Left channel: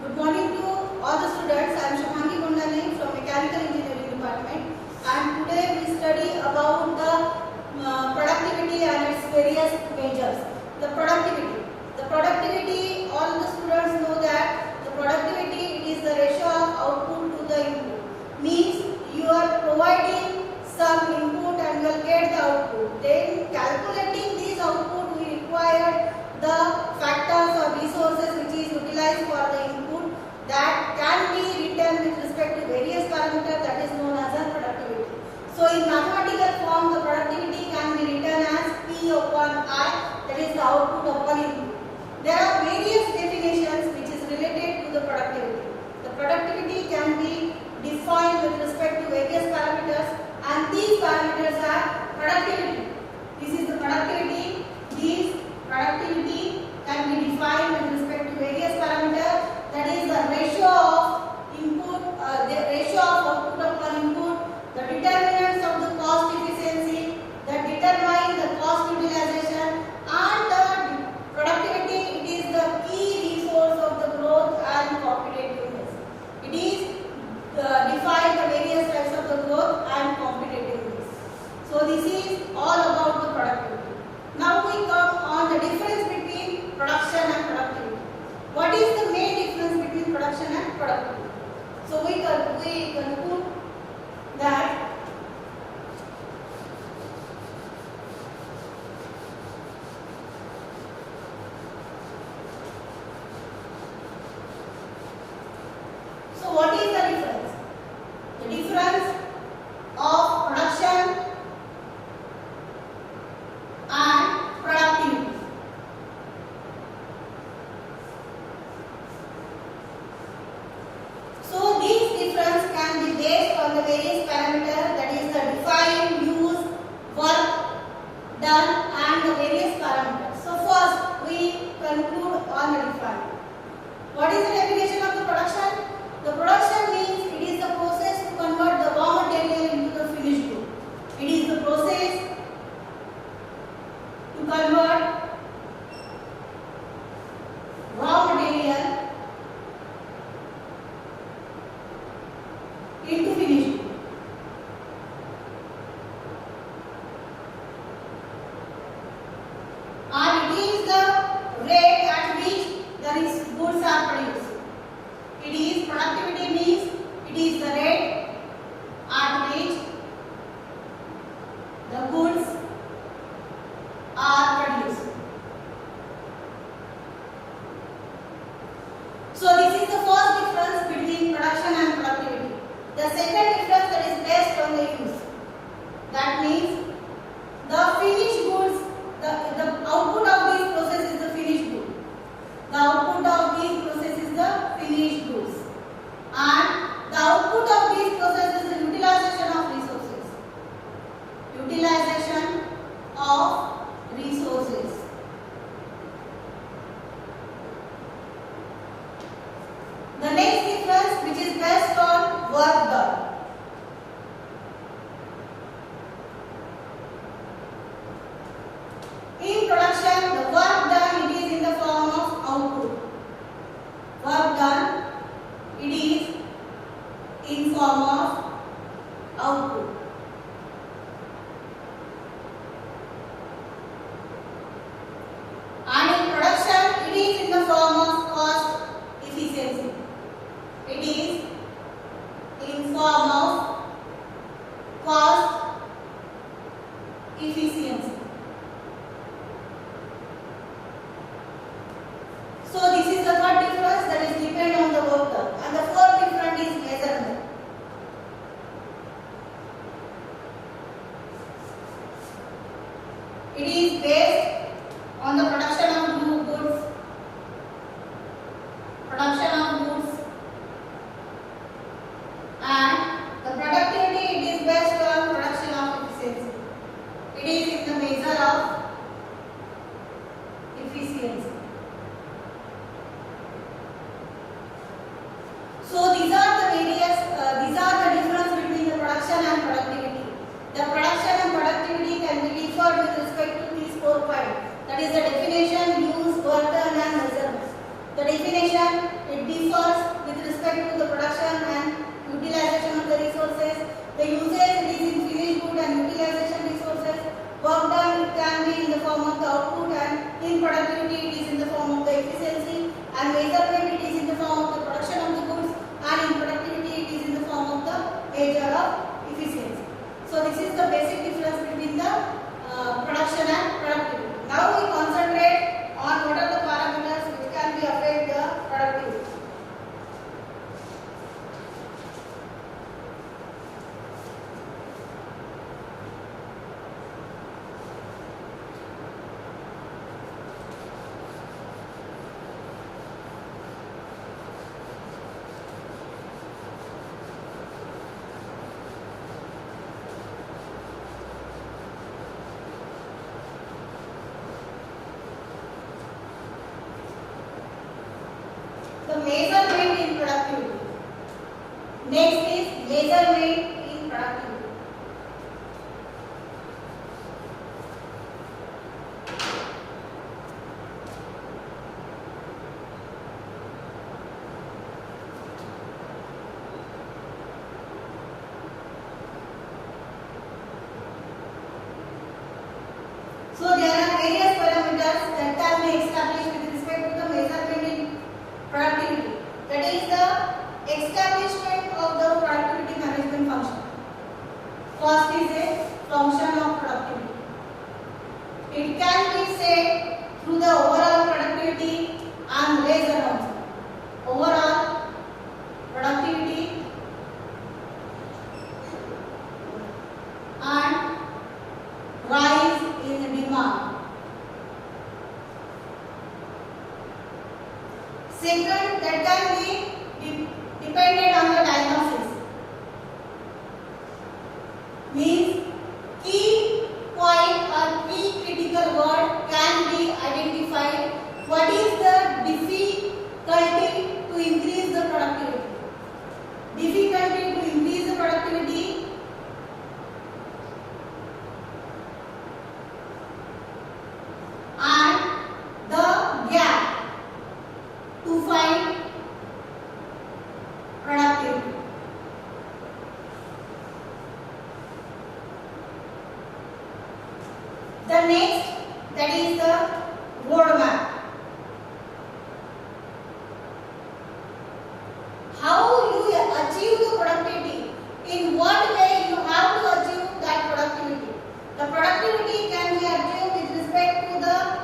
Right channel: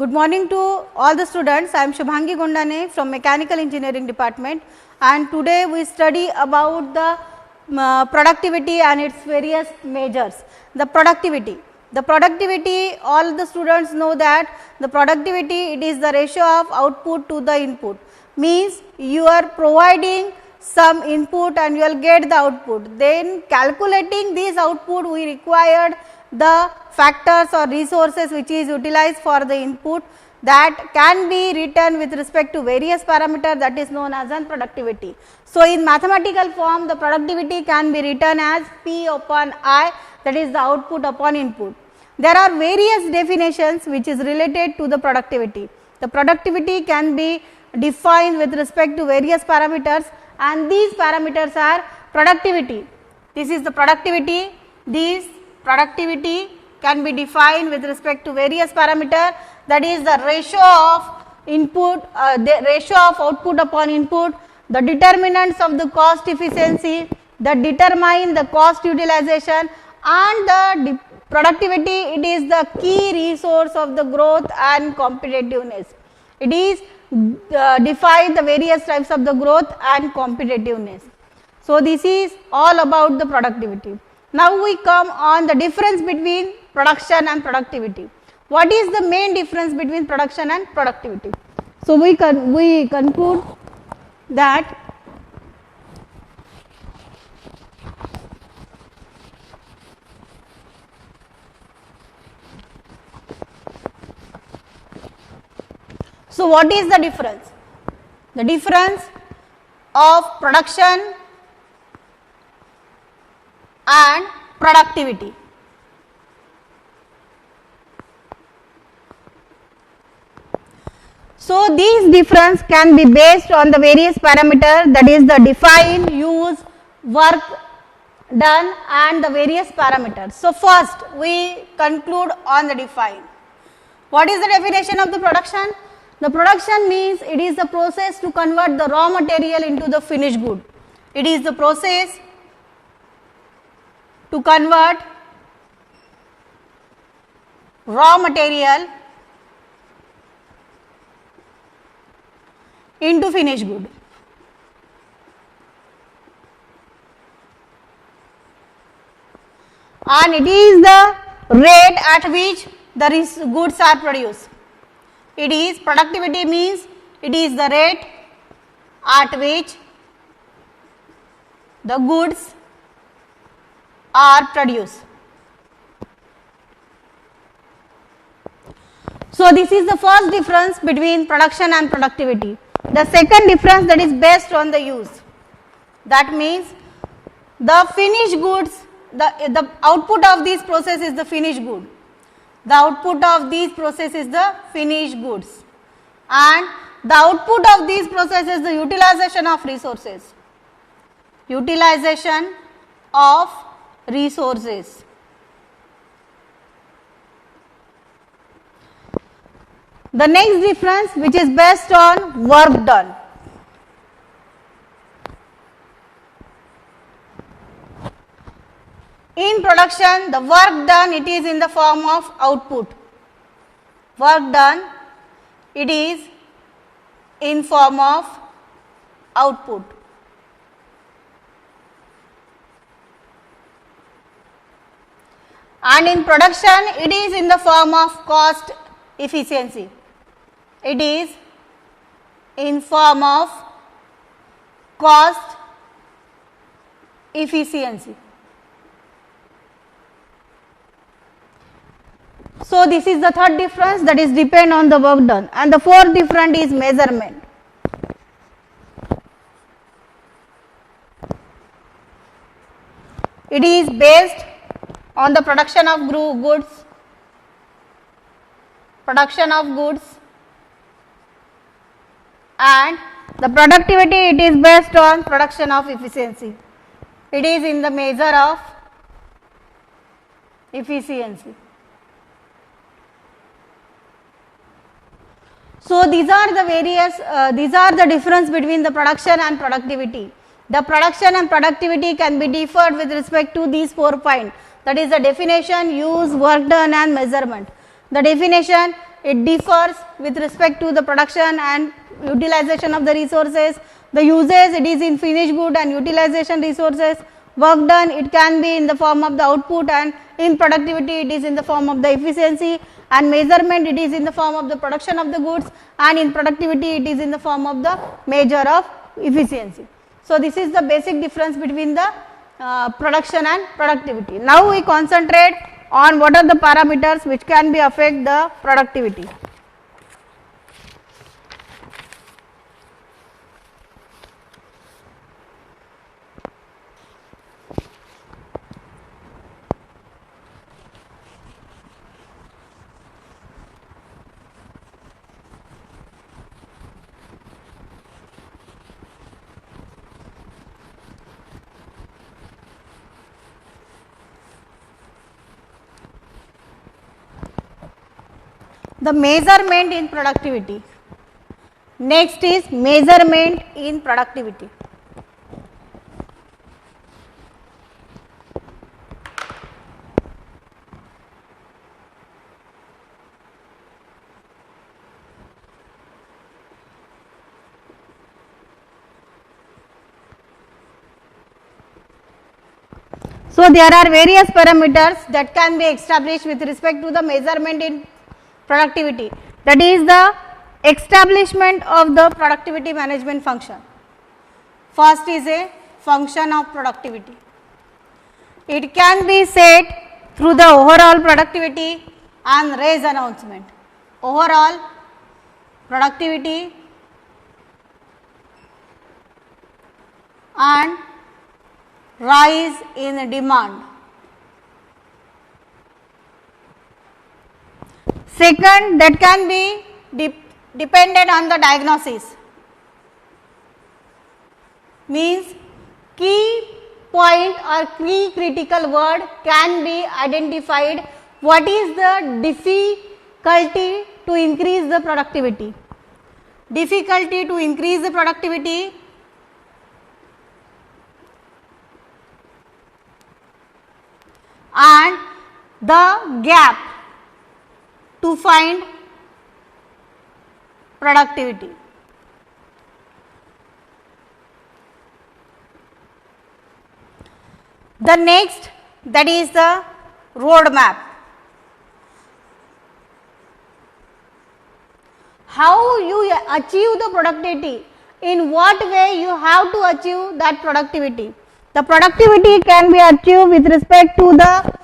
Good morning to all the students. I am Shubhangi Gondane from Mechanical Engineering Department, and today we study about the productivity and its various measures. The productivity, all the students know that the productivity, it is the ratio of output to the input. Means you are providing some input and you will get the output. Then calculating this output, we required the factors or resources which is utilized for the input, that can be written with respect to various parameters, that is known as an productivity. So, in mathematical form, the productivity can be written as P upon I, that is the output upon input. There are various definitions which is related to the productivity. The productivity can be defined with respect to various parameters, and these parameters are productivity. This is the productivity. These productivity can be defined with respect to various parameters, that is the ratio of input, the ratio of output upon input, the determinants of the cost efficiency that determine the cost utilization, and the productivity, it is the key resource of the growth and competitiveness. It is define the various types of the growth and competitiveness. So, this is all about the productivity. Now, we come on the difference between production and productivity. What is the main difference between production and productivity? So, we conclude that so what is the difference? The difference of production and productivity. So, these difference can be based on the various parameters, that is the define, use, work done and the various parameters. So, first we conclude on the define. What is the definition of the production? The production means it is the process to convert the raw material into the finished good. It is the process to convert raw material into finished good. And it is the rate at which the goods are produced. It is productivity means it is the rate at which the goods are produced. So, this is the first difference between production and productivity. The second difference, that is based on the use. That means the finished goods, the output of this process is the finished good. The output of these process is the finished goods, and the output of these process is the utilization of resources. Utilization of resources. The next difference, which is based on work done. In production, the work done, it is in the form of output. Work done, it is in form of output. And in production, it is in the form of cost efficiency. It is in form of cost efficiency. So, this is the third difference, that is depend on the work done, and the fourth difference is measurement. It is based on the production of goods, and the productivity, it is based on production of efficiency. It is in the measure of efficiency. So, these are the various, these are the difference between the production and productivity. The production and productivity can be differed with respect to these 4 points, that is the definition, use, work done and measurement. The definition, it differs with respect to the production and utilization of the resources. The usage, it is in finished good and utilization resources. Work done, it can be in the form of the output, and in productivity it is in the form of the efficiency, and measurement it is in the form of the production of the goods, and in productivity it is in the form of the measure of efficiency. So, this is the basic difference between the production and productivity. Now, we concentrate on what are the parameters which can be affect the productivity. The measurement in productivity. Next is measurement in productivity. So, there are various parameters that can be established with respect to the measurement in productivity, that is the establishment of the productivity management function. First is a function of productivity. It can be set through the overall productivity and raise announcement. Overall productivity and rise in demand. Second, that can be dependent on the diagnosis, means key point or key critical word can be identified. What is the difficulty to increase the productivity? Difficulty to increase the productivity and the gap to find productivity. The next, that is the roadmap. How you achieve the productivity, in what way you have to achieve that productivity. The productivity can be achieved with respect to the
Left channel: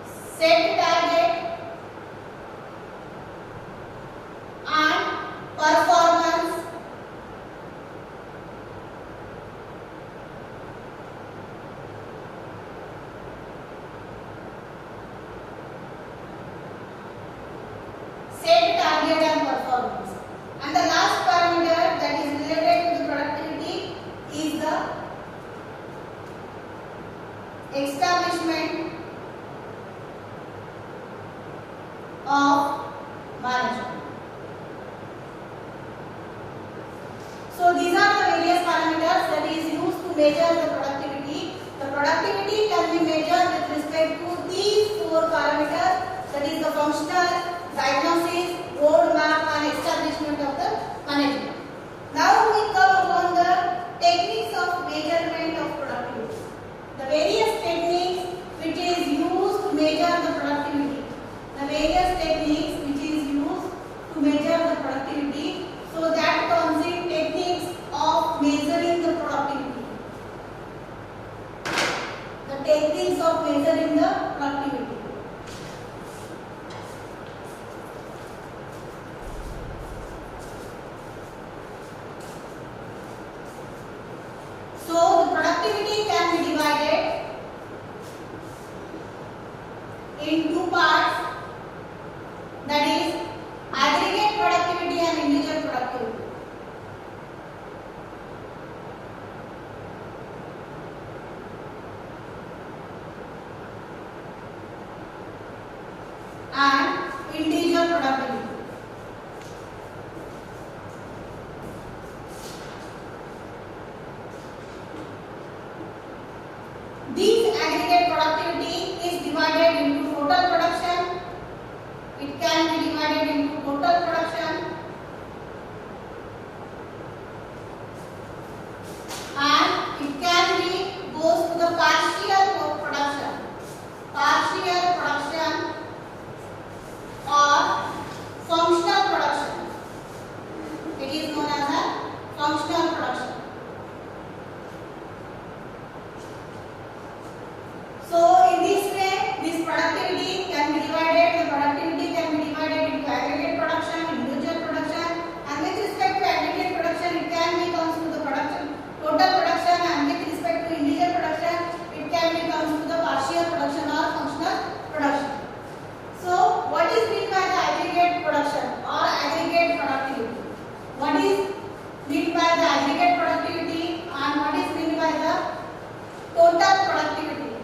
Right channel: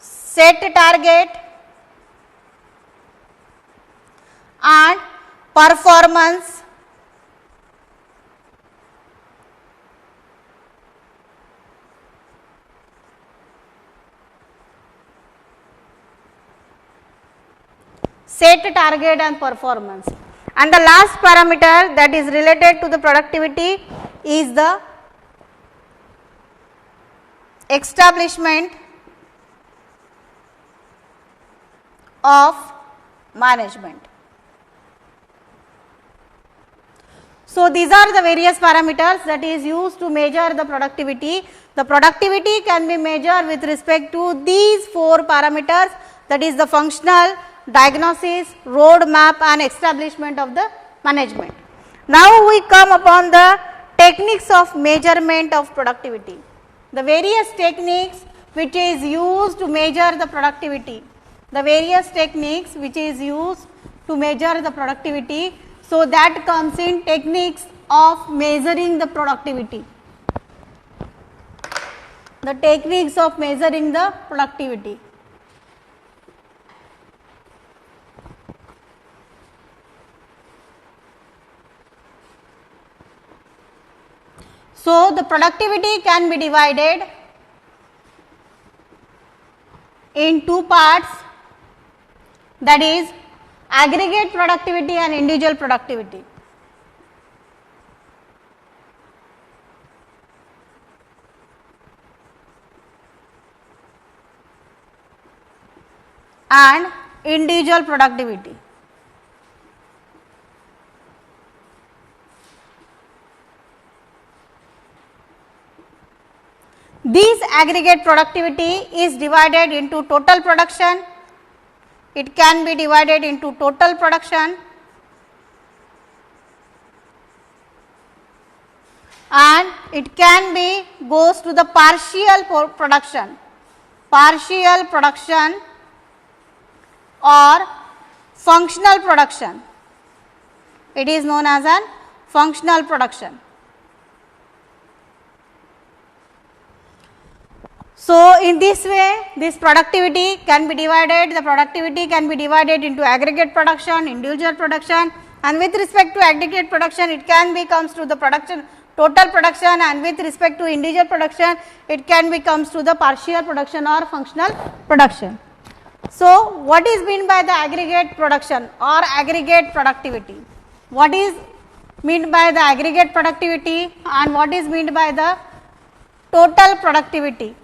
set target and performance set target and performance. And the last parameter that is related to the productivity is the establishment of management. So, these are the various parameters that is used to measure the productivity. The productivity can be measured with respect to these 4 parameters, that is the functional, diagnosis, roadmap and establishment of the management. Now, we come upon the techniques of measurement of productivity. The various techniques which is used to measure the productivity. The various techniques which is used to measure the productivity. So, that comes in techniques of measuring the productivity. The techniques of measuring the productivity. So, the productivity can be divided in 2 parts, that is aggregate productivity and individual productivity. And individual productivity. This aggregate productivity is divided into total production, it can be divided into total production and it can be goes to the partial production or functional production. It is known as an functional production. So in this way, this productivity can be divided, the productivity can be divided into aggregate production, individual production, and with respect to aggregate production, it can be comes to the production, total production, and with respect to individual production, it can be comes to the partial production or functional production. So what is meant by the aggregate production or aggregate productivity? What is meant by the aggregate productivity and what is meant by the total productivity?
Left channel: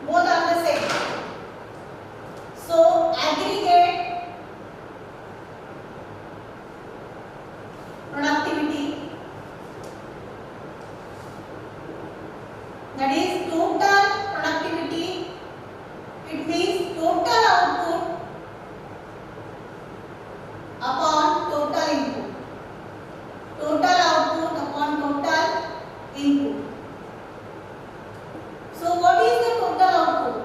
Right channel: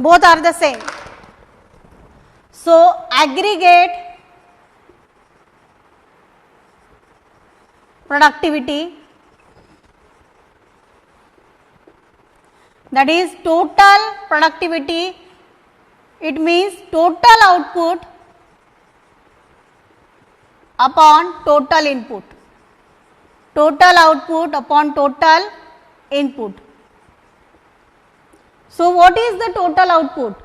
Both are the same. So aggregate productivity, that is total productivity, it means total output upon total input, total output upon total input. So what is the total output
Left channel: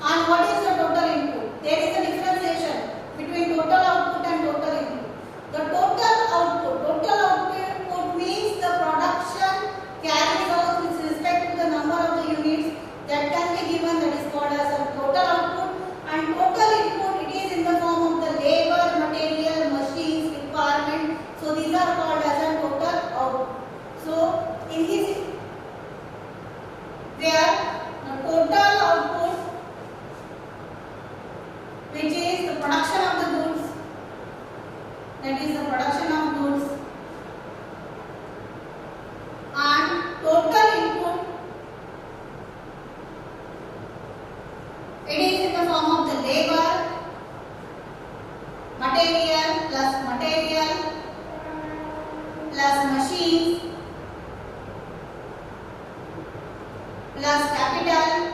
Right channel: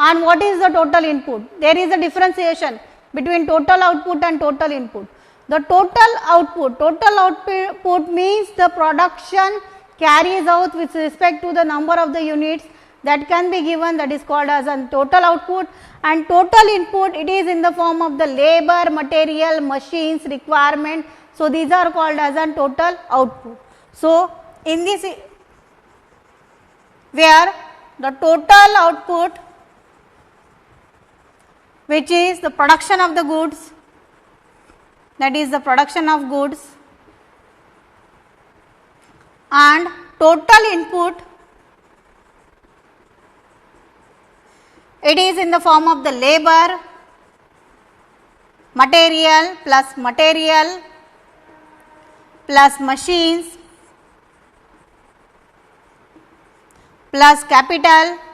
and what is the total input? There is a differentiation between total output and total input. The total output means the production carries out with respect to the number of the units that can be given, that is called as a total output, and total input, it is in the form of the labor, material, machines, requirement. So these are called as a total output. So in this, where the total output, which is the production of the goods, that is the production of goods, and total input, it is in the form of the labor, material plus machines plus capital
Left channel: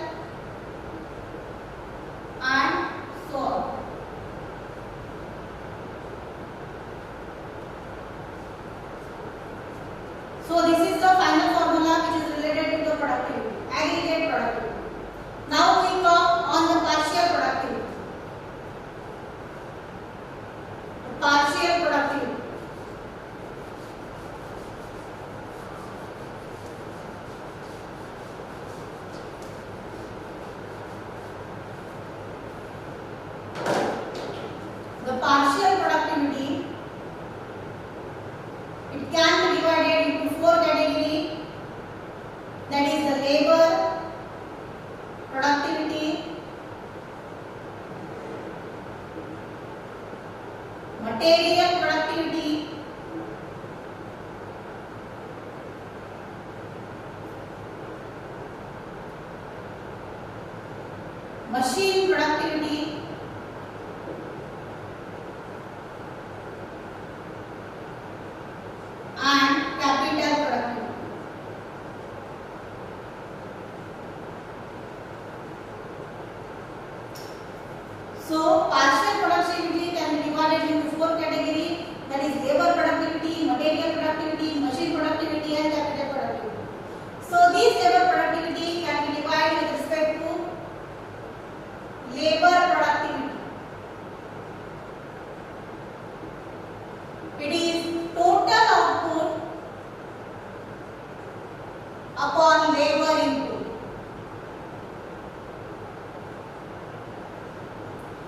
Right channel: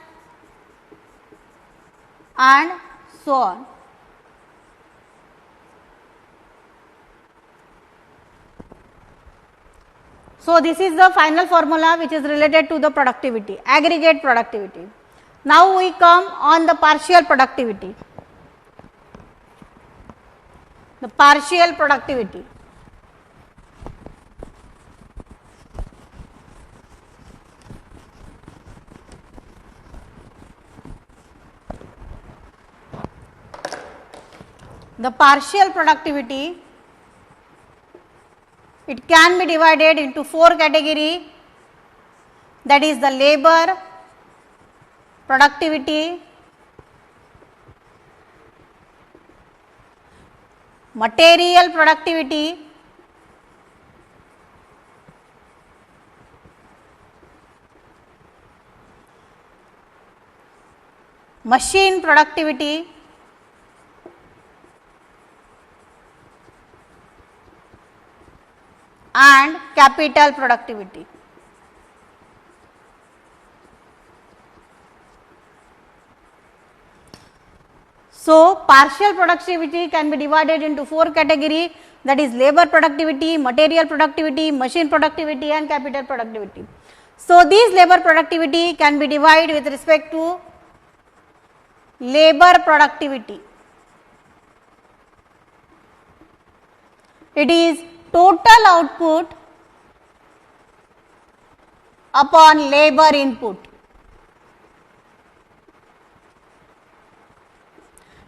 and so on. So this is the final formula which is related to the productivity, aggregate productivity. Now we come on the partial productivity. The partial productivity. The partial productivity, it can be divided into 4 categories, that is the labor productivity, material productivity, machine productivity, and capital productivity. So partial productivity can be divided into 4 categories, that is labor productivity, material productivity, machine productivity and capital productivity. So these labor productivity can be divided with respect to labor productivity. It is total output upon labor input.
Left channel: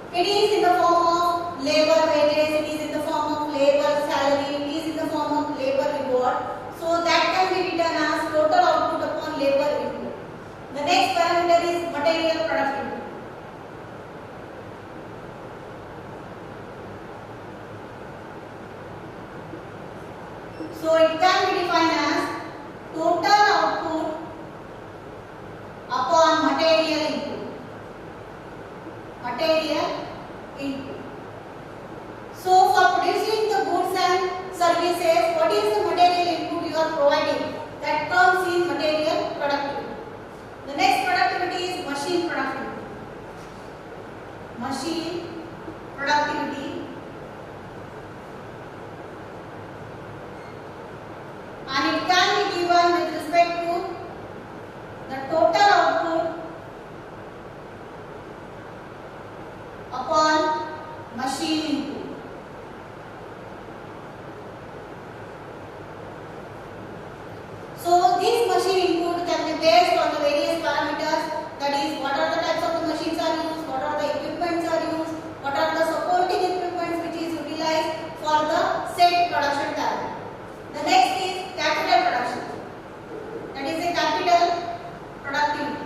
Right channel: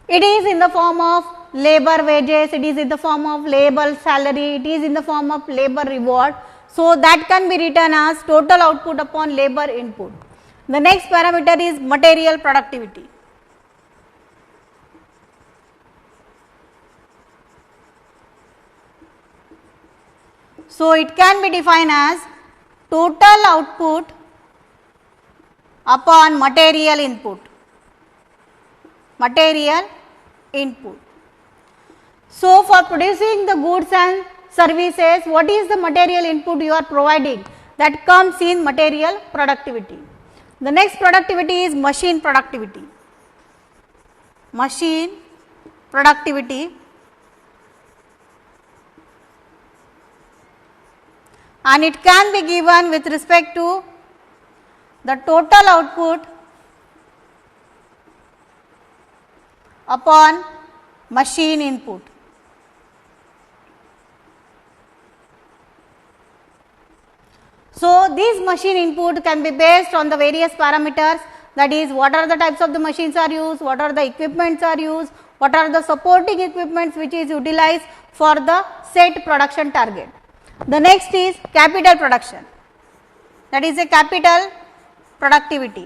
It is in the form of labor wages, it is in the form of labor salary, it is in the form of labor reward. So that can be written as total output upon labor input. The next parameter is material productivity. So it can be defined as total output upon material input. Material input. So for producing the goods and services, what is the material input you are providing? That comes in material productivity. The next productivity is machine productivity. machine productivity and it can be given with respect to the total output upon machine input. So, these machine input can be based on the various parameters, that is what are the types of the machines are used, what are the equipments are used, what are the supporting equipments which is utilized for the set production target. The next is capital production, that is a capital productivity.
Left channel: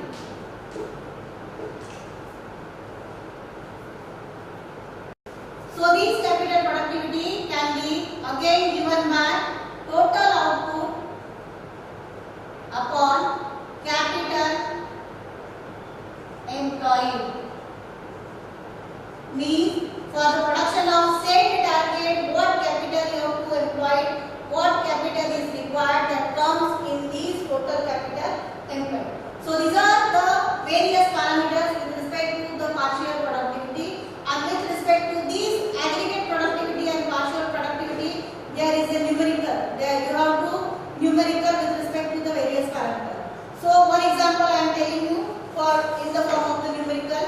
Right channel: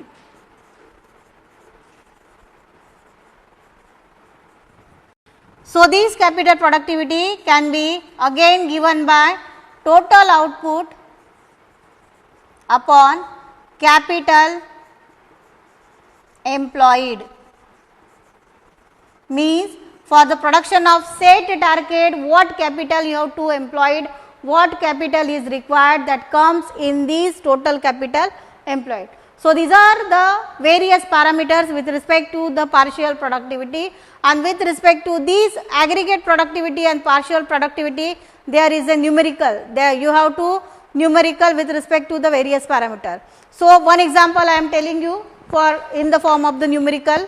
So, this capital productivity can be again given by total output upon capital employed, means for the production of set target what capital you have to employed, what capital is required, that comes in this total capital employed. So, these are the various parameters with respect to the partial productivity, and with respect to these aggregate productivity and partial productivity there is a numerical, there you have to numerical with respect to the various parameter. So, one example I am telling you for in the form of the numerical.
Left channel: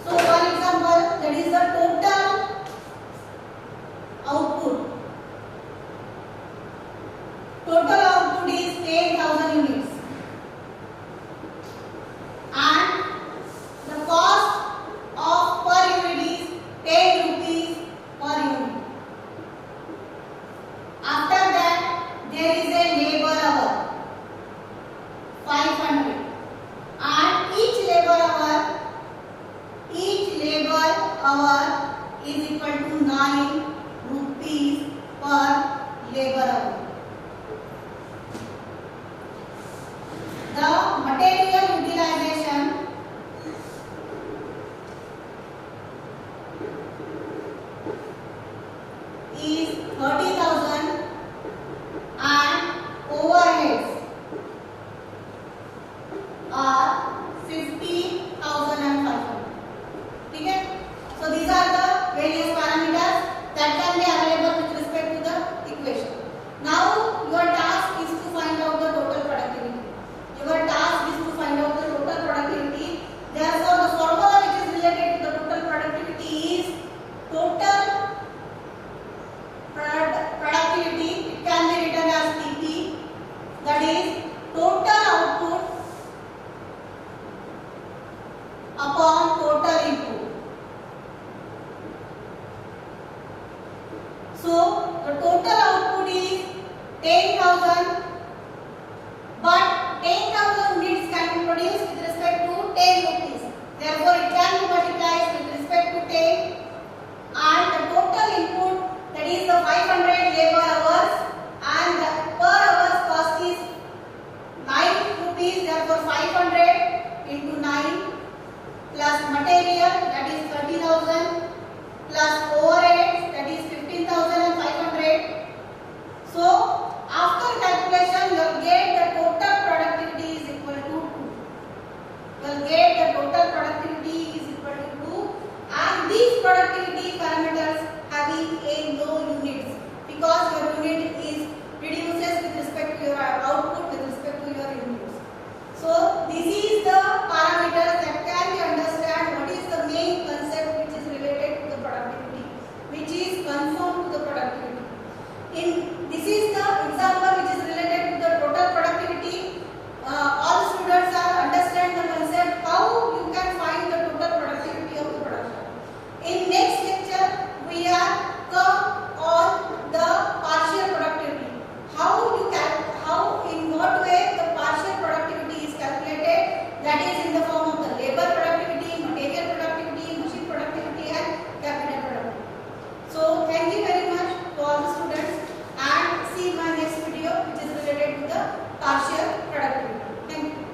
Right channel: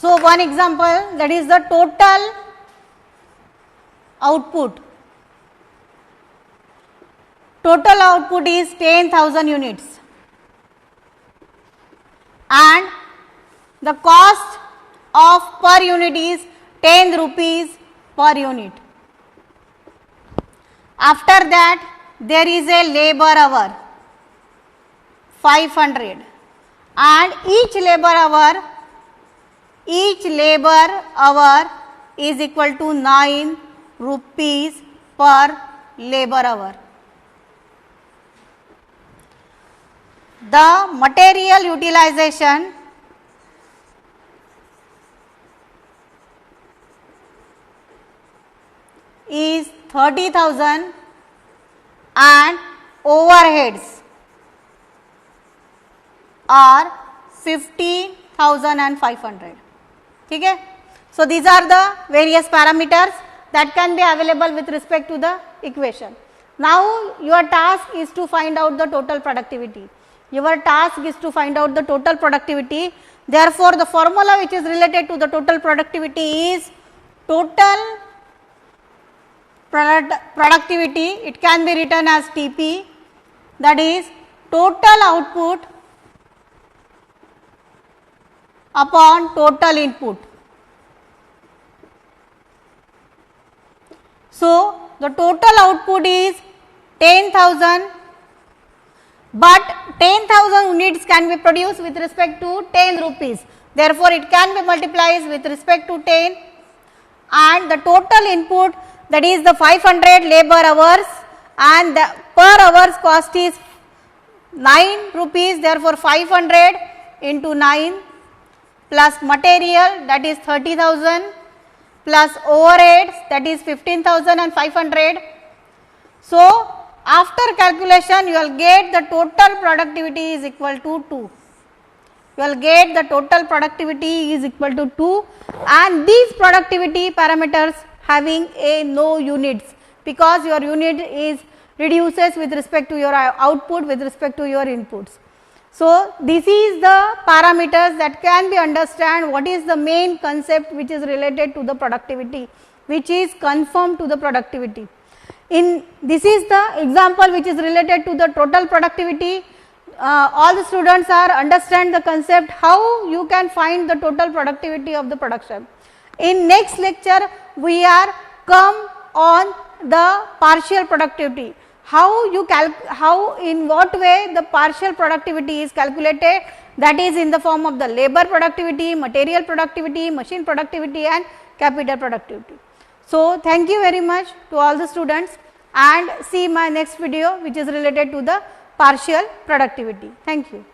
So, one example, that is the total output. Total output is 10,000 units and the cost of per unit is 10 rupees per unit. After that there is a labor hour 500 and each labor hour is equal to 9 rupees per labor hour. The material utilization is 30,000 and overheads are 50,500. Okay? So, these are the various parameters that can be available with respect to the equation. Now, your task is to find out the total productivity. Your task is to find out the total productivity. Therefore, the formula which is related to the total productivity is total productivity. It can be written as TP, that is total output upon total input. So, the total output is 10,000, but 10,000 units can be produced with respect to 10 rupees. Therefore, it can be multiplied with respect to 10 and the total input, that is the 500 labor hours and the per hour's cost is 9 rupees. Therefore, 500 into 9 plus material, that is 30,000 plus overheads, that is 15,500. So, after calculation you will get the total productivity is equal to 2. You will get the total productivity is equal to 2 and these productivity parameters having a no units, because your unit is reduces with respect to your output with respect to your inputs. So, this is the parameters that can be understand what is the main concept which is related to the productivity, which is conform to the productivity. This is the example which is related to the total productivity. All the students are understand the concept how you can find the total productivity of the production. In next lecture we are come on the partial productivity. How in what way the partial productivity is calculated, that is in the form of the labor productivity, material productivity, machine productivity and capital productivity. So, thank you very much to all the students and see my next video which is related to the partial productivity. Thank you.